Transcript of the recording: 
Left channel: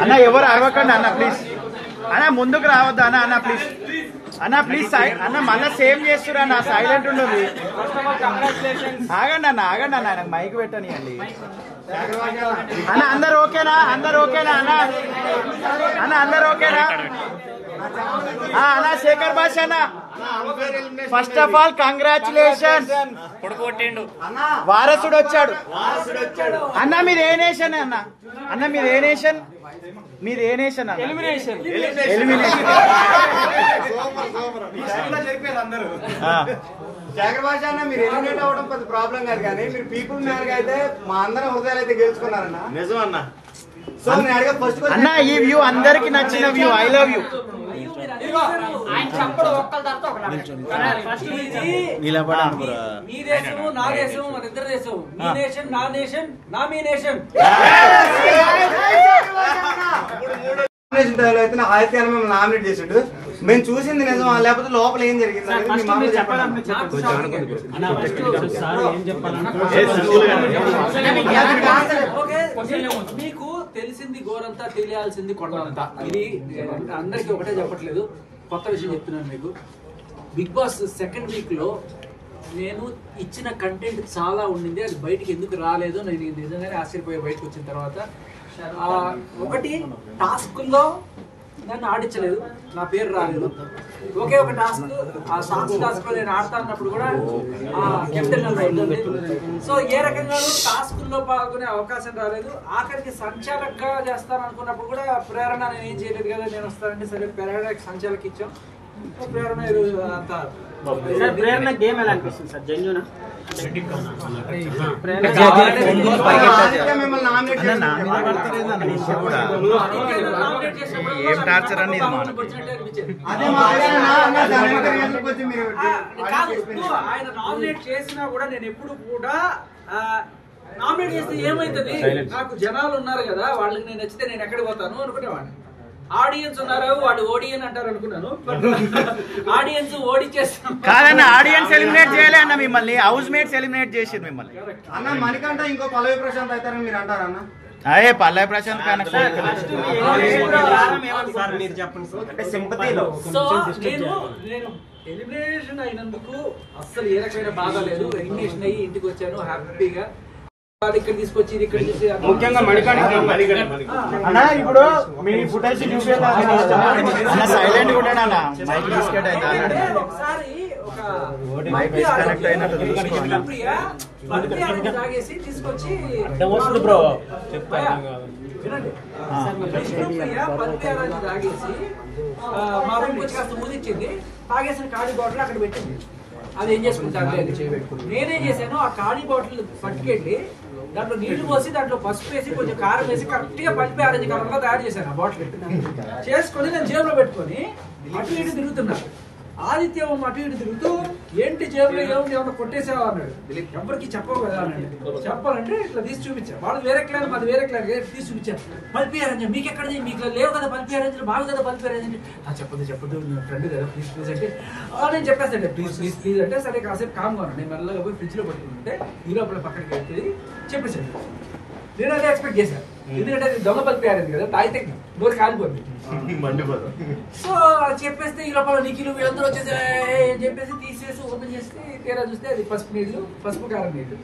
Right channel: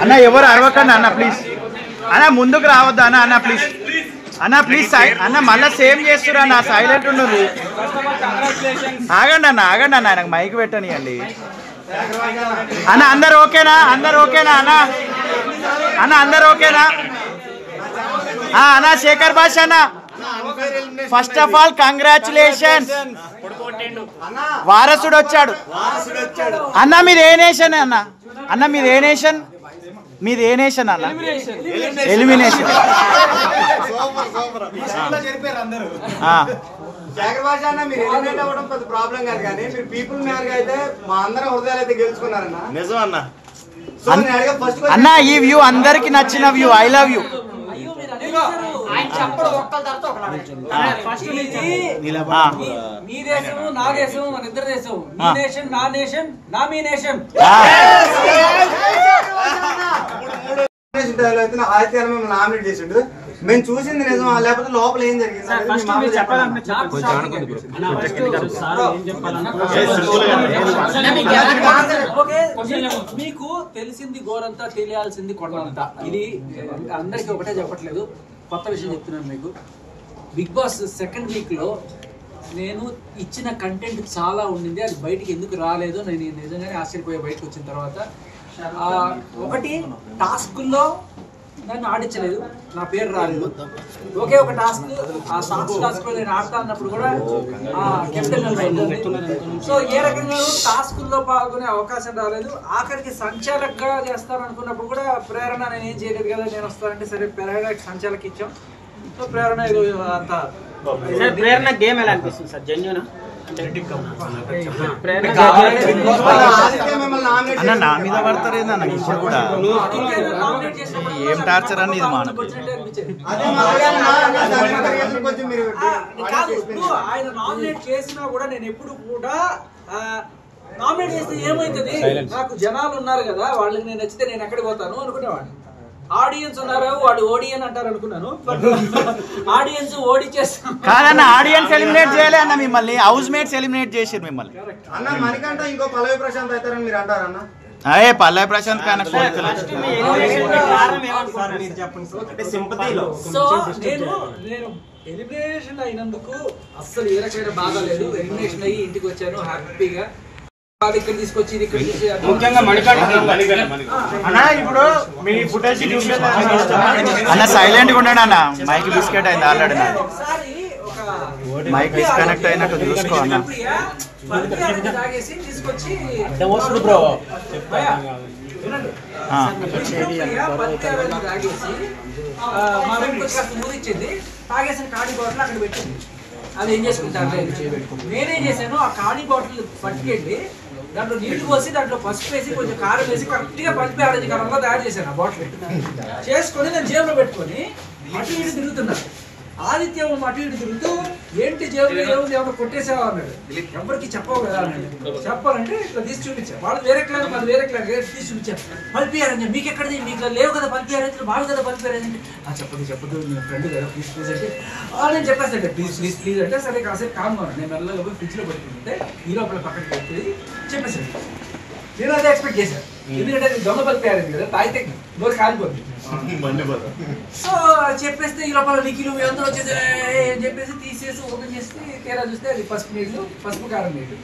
అన్న ఎవరు అరవకండి అన్న ప్లీజ్ అన్న ముందుకు రావద్దు అన్న అన్న ప్లీజ్ అన్న ప్లీజ్ అన్న మళ్ళీ సేమ్ చేస్తురా అన్న సైలెంట్ ఉండదు ఆగండి అన్న నాకు మైక్ పెట్టనియండి అన్న అందరు ఓకేనా అన్న అందరు ఓకేనా అన్న శేఖర్ భాష అన్న ఫస్ట్ ఆఫ్ ఆల్ కంగ్రాచులేషన్స్ వారసుడు వచ్చాడు అన్న మీరు ఏ నేషన్ అన్న మీరు ఏ నేషన్ అన్న ఎలిమినేషన్ శేఖర్ భాష అన్న మీరు ఎలిమినేట్ అవ్వడం పెద్ద ప్రాబ్లం కాదు కానీ మీరు పీపుల్ మ్యాన్ అయితే మా అందరం హృదయాలు అయితే గెలుచుకున్నారన్న నిజం అన్న అన్న ఈ వ్యూ అందరికి నచ్చిన వ్యూ ఐ లవ్ యూ మీ దేశము నా దేశము మన ఇద్దరు దేశం మీ నేషన్ నా నేషన్ నా మీ నేషన్ ఆదిత్యాలు మిమ్మల్ని నామినేట్ చేసిండు మేము చూసింది నిజం లేకపోతే లోపల ఏం జరిగింది మీకు తెలిసింది గోరంతా తెలియాల్సింది కొండంతా ఇది అందరికి ఒకటే చెప్పట్లేదు కొత్త విషయం చెప్తున్నాను మీకు బిగ్ బాస్ సెకండ్ వీక్ లో నేను ఇచ్చిన కంటెంట్ చాలా ఉండింది అది బయటికి ఎందుకు రాలేదో నేను నిజంగానే ఆశ్చర్యపోయే బయటకు వచ్చిన తర్వాత ఒకటి టాస్కుల్లో నన్ను ఆడించలేదు నా పేరు రాలేదు ఒకే ఒక టాస్క్ ఆ సాంగ్స్ టాస్క్ లో నేను ఆడతా అన్నప్పుడు కూడా కెప్టెన్ సో ఏ రకంగా టాస్కుల్లో పాల్గొనే అవకాశం రాలేదు ఆఖరికి సంచాలకగా చేస్తాను అనుకున్నప్పుడు కూడా ప్రేరణ నేను ఏం చేయలేదు కదా నేను వస్తానంటే సరే ప్రేరణ సంచాలకి ఇచ్చాం సో ప్రేరణ ఇది అంత ప్రేరణ గేమ్ ఎలా అనిపిస్తుంది సార్ జెన్యూనా ఏం టార్చర్ అని ఆయన నామినేట్ చేసినా కూడా నేను ఎప్పుడు కూడా నామినేట్ చేస్తే ఏమైతుంది నాకు జనాలు ఉన్నారు కదా వాళ్ళకి నేను నచ్చితే నేను ఎక్కడికి పోతాను అనుకునేవాడిని ఆడియన్స్ ఉన్నారు వాడు ఓడియన్ అంటారు అనుకున్నాను బట్ ఆడియన్స్ ఓడిచేస్తాం కాదన్న ఆడియన్స్ ఎలిమినేట్ చేయలే అన్న మిమ్మల్ని హౌస్ మేట్స్ ఎలిమినేట్ చేసారు మిమ్మల్ని అన్న మనకంట ఇంకో పల్లవి ప్రశాంత్ అవుతారని మీరు అంటారన్న అయ్యే పల్లవి ప్రశాంత్ కానీ సో నేను ఎలిమినేషన్ అయినందుకు అస్సలు ఏ రకమైన బాధ లేదు ఎలిమినేషన్ అయ్యి ఇంటికి వచ్చాను హ్యాపీగా ఇక్కడ తీసుకొచ్చి ఇక్కడ ముఖ్యంగా అన్న ఇప్పుడు మీ ఫుటేజ్ అన్న సైలెంట్ గా ఉన్నాడు అన్న మైక్ బిస్కెట్ అయింది ఆల్రెడీ మైక్ డిస్కనెక్ట్ అయినట్టు చూసుకో అన్న తాగేసి తీసుకొచ్చి మా రూమ్ వచ్చి కాస్త మూదిచ్చింది తాగేసిన ఖాళీ బాటిల్ అక్కడ పెట్టింది అది ఏం చేసుకుంటారు నేనేం చేశాను ఆ ఖాళీ బాటిల్ పట్టుకెళ్ళి దాంట్లో నీళ్లు పోసి దాంట్లో పసుపు వేసి కొంచెం కారం వేసి కరెక్ట్ గా పల్పి ఆరెంజ్ కలర్లో తయారు చేశాను ఆ బాటిల్ చేసుకొని నేను జేబులో పెట్టుకొని అటు ఇటు తిరుగుతున్నాను ఆదిత్య అటు ఇటు తిరుగుతూ ఏంటి జేబులో ఏముంది ఏమన్నా కొట్టేసేవా అన్నాడు ఎవరికి చెప్పవు కదా అన్నాడు చెప్పాలంటే ఇట్లా తీసి చూపించాను వాళ్ళు వేరే క్లాస్ మాది వేరే క్లాస్ తీసి చూపించారు పల్పి ఆరెంజ్ మీకు ఎక్కడది మీకు లేవు కదా పల్పి ఆరెంజ్ మావి కదా పల్పి ఆరెంజ్ అంటే చెప్పదు నీ ఫ్రెండ్ కదా ప్లీజ్ ప్లీజ్ అంటే నేను చెప్పేస్తాను ప్లీజ్ ప్లీజ్ ప్లీజ్ అంటే సరే కాసేపు కామ్గా నేను మెల్లగా పోయి ఫ్రిడ్జ్ లో పెట్టుకుంటే ఈ లోపల పక్కకి పెట్టి చెప్పేసాను నేను అదే ఎక్స్పెక్ట్ చేశాను ఎందుకంటే దొంగ పల్పి ఆరెంజ్ కదా తాగితే నోరు కాలిపోతుంది సో చెప్పేస్తే ఈ లోపల నిఖిలు వీళ్ళందరూ వచ్చేసి చెప్పేసి తీసేసి ఓపెన్ చేస్తే తీరా చూస్తే అది పసుపు నీళ్ళు పసుపు కారం నీళ్ళు